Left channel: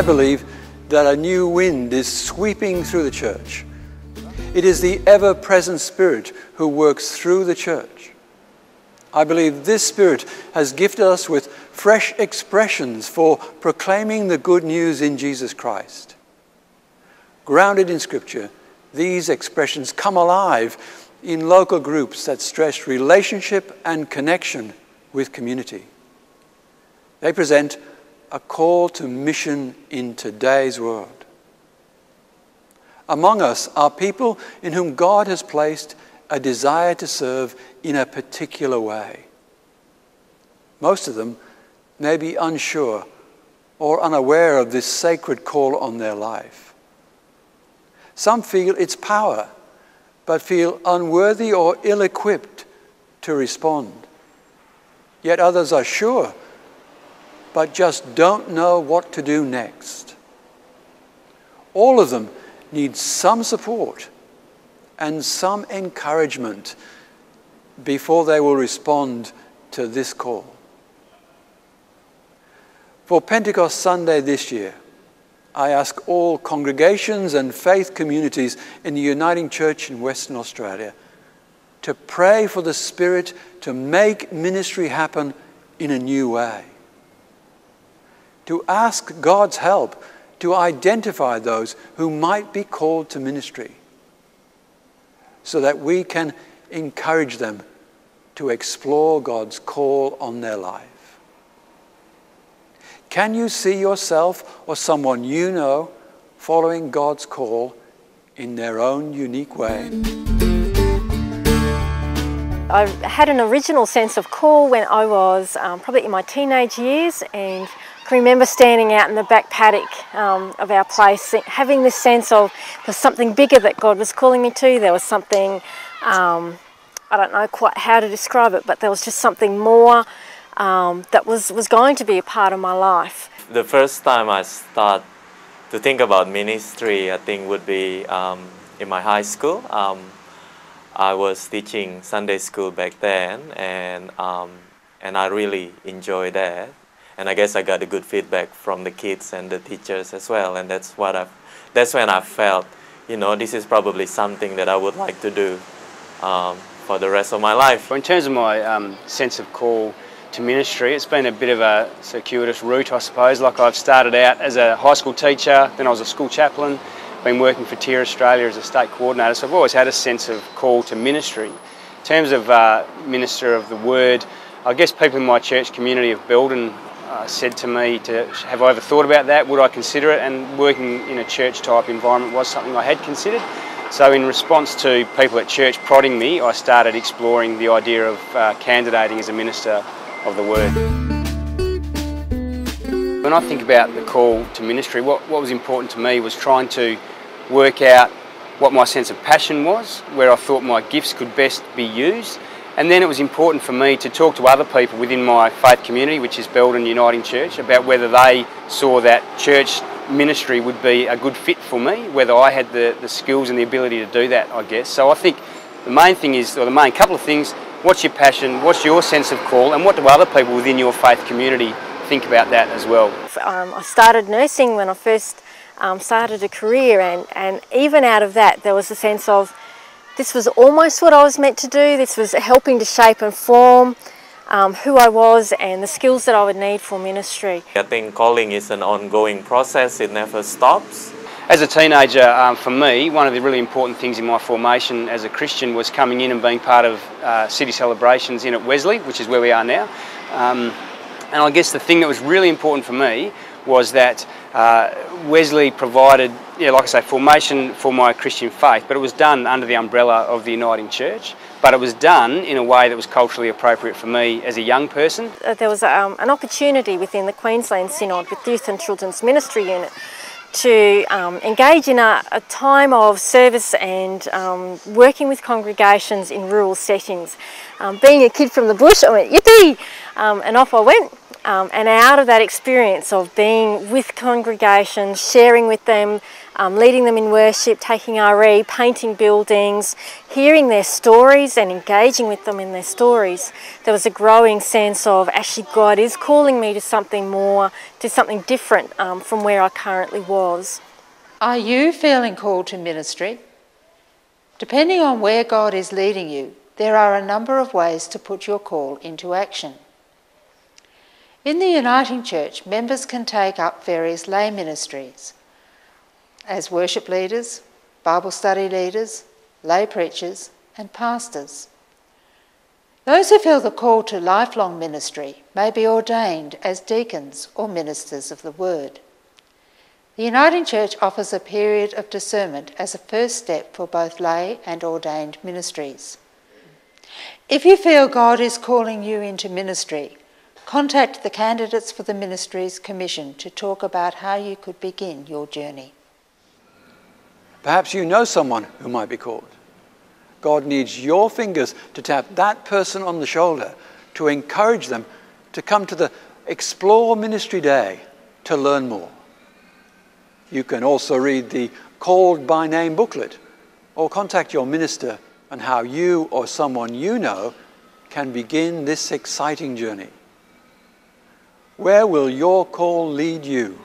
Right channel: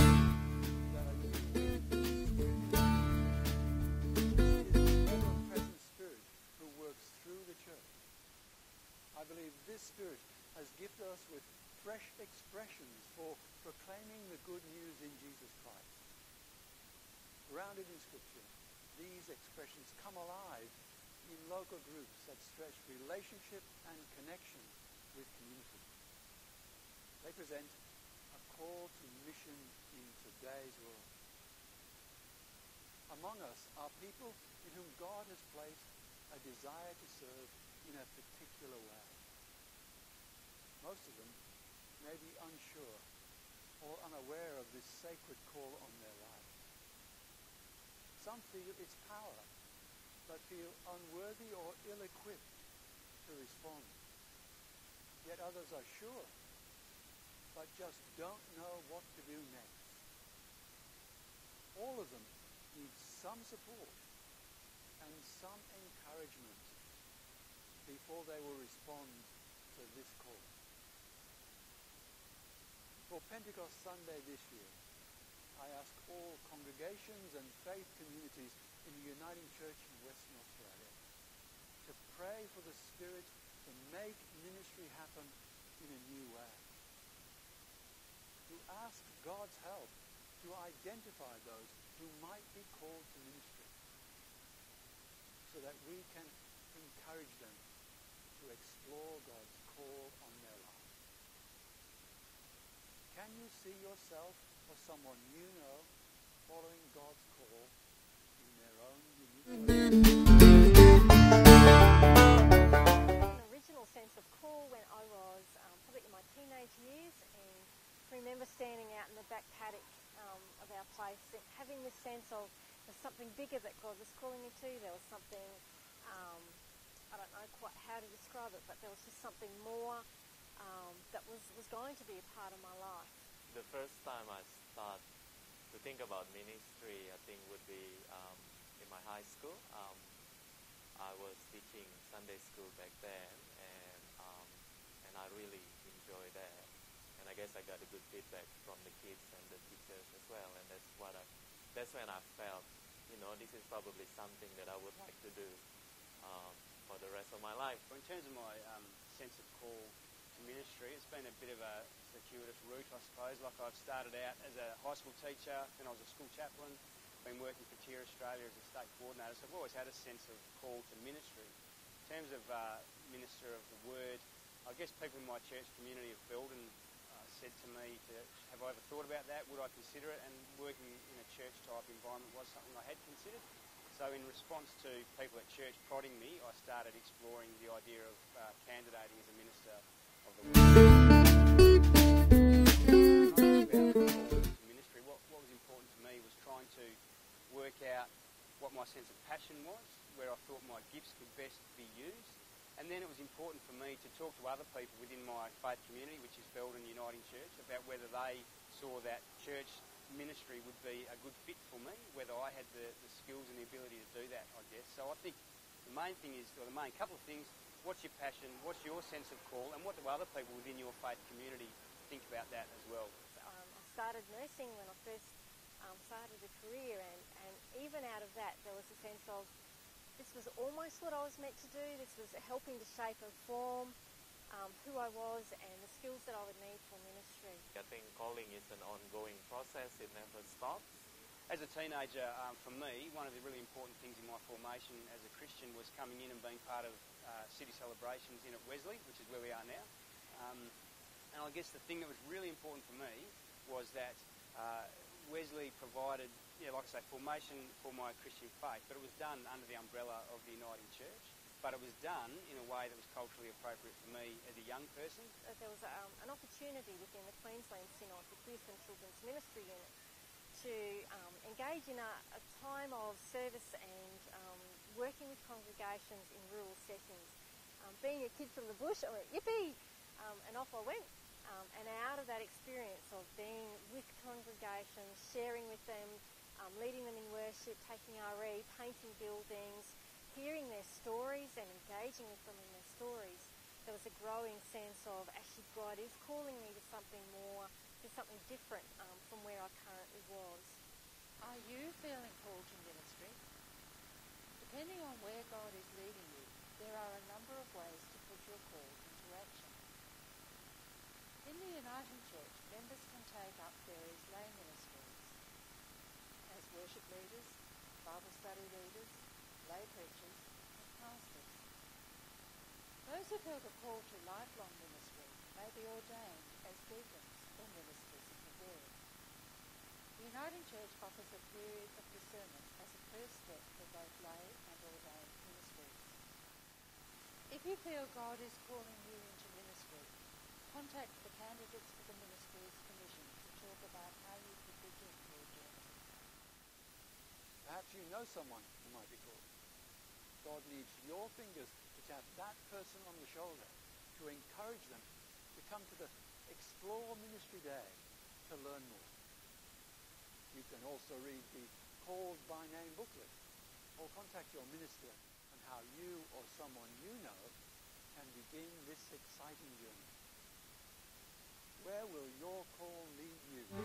I believe that a new wind is sweeping through the church. It is the ever-present Spirit who works through the church. I believe this Spirit has gifted us with fresh expressions for proclaiming the good news in Jesus Christ. Grounded in Scripture, these expressions come alive in local groups that stress relationship and connection with community. They present a call to mission in today's world. Among us are people in whom God has placed a desire to serve in a particular way. Most of them may be unsure or unaware of this sacred call on their life. Some feel its power, but feel unworthy or ill-equipped to respond. Yet others are sure, but just don't know what to do next. All of them need some support and some encouragement before they will respond to this call. For Pentecost Sunday this year, I ask all congregations and faith communities in the Uniting Church in Western Australia to pray for the Spirit to make ministry happen in a new way. To ask God's help to identify those who might be called to ministry, so that we can encourage them to explore God's call on their life. Can you see yourself or someone you know following God's call in their own unique way? I had an original sense of call when I was probably in my teenage years, and I can remember standing out in the back paddock of our place, having this sense of there's something bigger that God was calling me to. There was something, I don't know quite how to describe it, but there was just something more that was going to be a part of my life. The first time I start to think about ministry, I think would be in my high school. I was teaching Sunday school back then, and I really enjoyed that. And I guess I got a good feedback from the kids and the teachers as well. And that's when I felt, you know, this is probably something that I would like to do for the rest of my life. In terms of my sense of call to ministry, it's been a bit of a circuitous route, I suppose. Like, I've started out as a high school teacher, then I was a school chaplain, been working for TIR Australia as a state coordinator, so I've always had a sense of call to ministry. In terms of minister of the word, I guess people in my church community of Belden said to me, have I ever thought about that? Would I consider it? And working in a church type environment was something I had considered. So in response to people at church prodding me, I started exploring the idea of candidating as a minister of the word. When I think about the call to ministry, what was important to me was trying to work out what my sense of passion was, where I thought my gifts could best be used. And then it was important for me to talk to other people within my faith community, which is Belden Uniting Church, about whether they saw that church ministry would be a good fit for me, whether I had the skills and the ability to do that, I guess. So I think the main thing is, or the main couple of things, what's your passion, what's your sense of call, and what do other people within your faith community think about that as well? I started nursing when I first started a career, and even out of that there was a sense of this was almost what I was meant to do. This was helping to shape and form who I was and the skills that I would need for ministry. I think calling is an ongoing process, it never stops. As a teenager, for me, one of the really important things in my formation as a Christian was coming in and being part of city celebrations in at Wesley, which is where we are now. And I guess the thing that was really important for me was that Wesley provided, like I say, formation for my Christian faith, but it was done under the umbrella of the Uniting Church, but it was done in a way that was culturally appropriate for me as a young person. There was an opportunity within the Queensland Synod with the Youth and Children's Ministry Unit to engage in a time of service and working with congregations in rural settings. Being a kid from the bush, I went, yippee! And off I went. And out of that experience of being with congregations, sharing with them leading them in worship, taking RE, painting buildings, hearing their stories and engaging with them in their stories, there was a growing sense of actually God is calling me to something more, to something different from where I currently was. Are you feeling called to ministry? Depending on where God is leading you, there are a number of ways to put your call into action. In the Uniting Church, members can take up various lay ministries as worship leaders, Bible study leaders, lay preachers, and pastors. Those who feel the call to lifelong ministry may be ordained as deacons or ministers of the Word. The Uniting Church offers a period of discernment as a first step for both lay and ordained ministries. If you feel God is calling you into ministry, contact the candidates for the Ministries Commission to talk about how you could begin your journey. Perhaps you know someone who might be called. God needs your fingers to tap that person on the shoulder to encourage them to come to the Explore Ministry Day to learn more. You can also read the Called by Name booklet or contact your minister on how you or someone you know can begin this exciting journey. Where will your call lead you?